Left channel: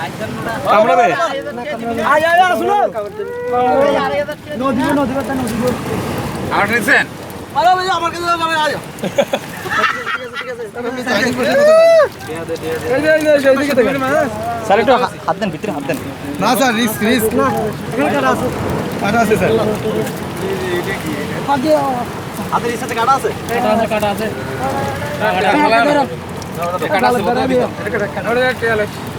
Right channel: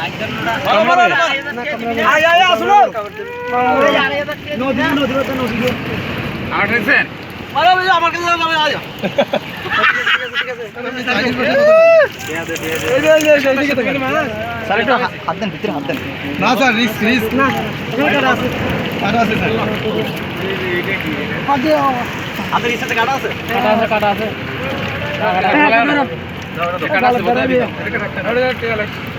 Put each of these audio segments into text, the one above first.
হাত দেন ভিতরে হাত দেন না স্যার রিস্ক রিস্ক না কাটা আছে কাটা আছে স্যার হাতের সাথে কাটা আছে কাটা আছে কাটা আছে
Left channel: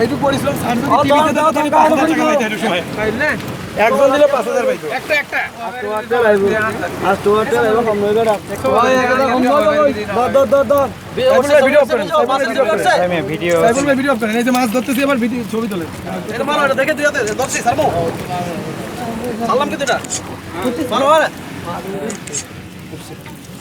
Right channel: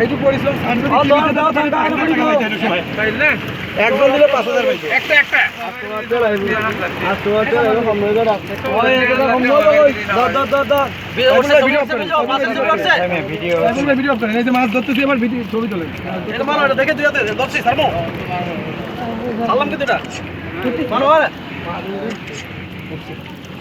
এইটুক পড়েছিলাম সামনে কি দিতে দাও তাহলে 5000 টাকা দিতে হবে ভাই একজন দিলে 5000 পাইছে একটা একটা আর তো আর তো আছে আর কম নয় দাদা ওই একটা কম নয় ভিডিও ভিডিও করছে এই যে মাছ ধরতেছি আমার ভিডিও ছবি তুলে এর মানে এটা দেখে দিতে ধরছি সারমো সালাম কি দিটা ভালো আরে